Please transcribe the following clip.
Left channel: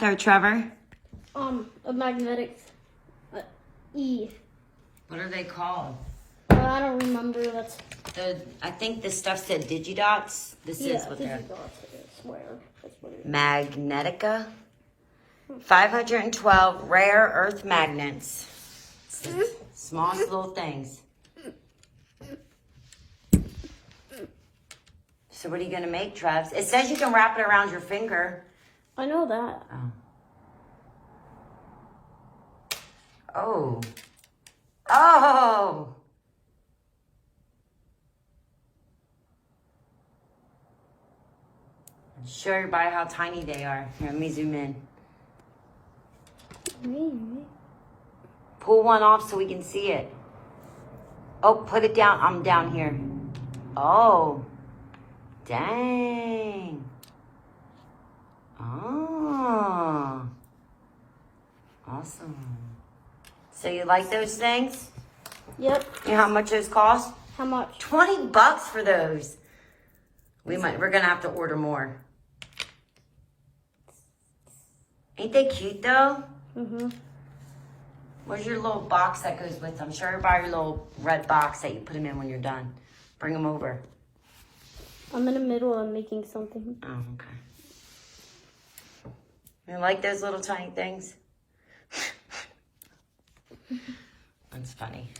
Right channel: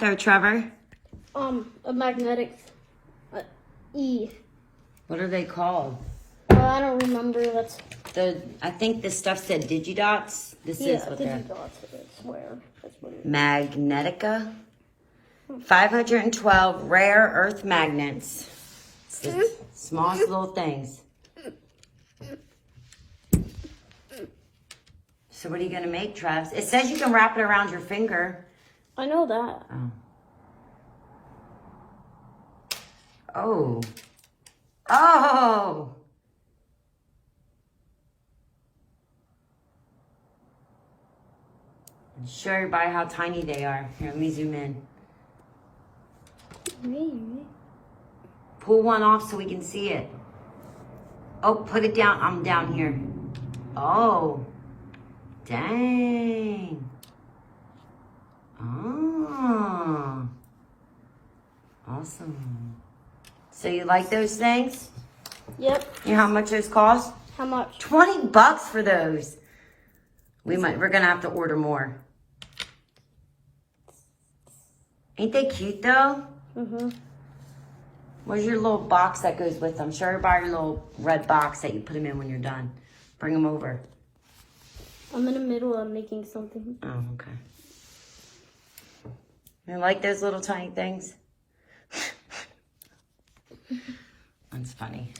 There, Trevor. A magnetic E. What are they called? I don't remember. That's I think the stuff said Digidots. This is what they're. Digidots, I swear. That's what it is. Magnetica. 512 rare earth magnets. It's the smallest little things. So what are you going to make, Trev? It says you can wrap it around your finger. I know that. Oh. Oh. Show everybody how tiny they are. Here, let me zoom in. Pull one off so we can see it. Oh, put it down. I'm down here. Oh. Dang. Oh. Awesome. So you like those things? Yep. You know how much those cost? How much? $20 for those. We're gonna have to order more. Ain't they cute though? Mm-hmm. Where's your little box that goes with them? Show everybody your little red box that you put them in when you're done. Bring them over. I'm in the middle of making something. Oh, okay. You like those little tiny things? That's funny.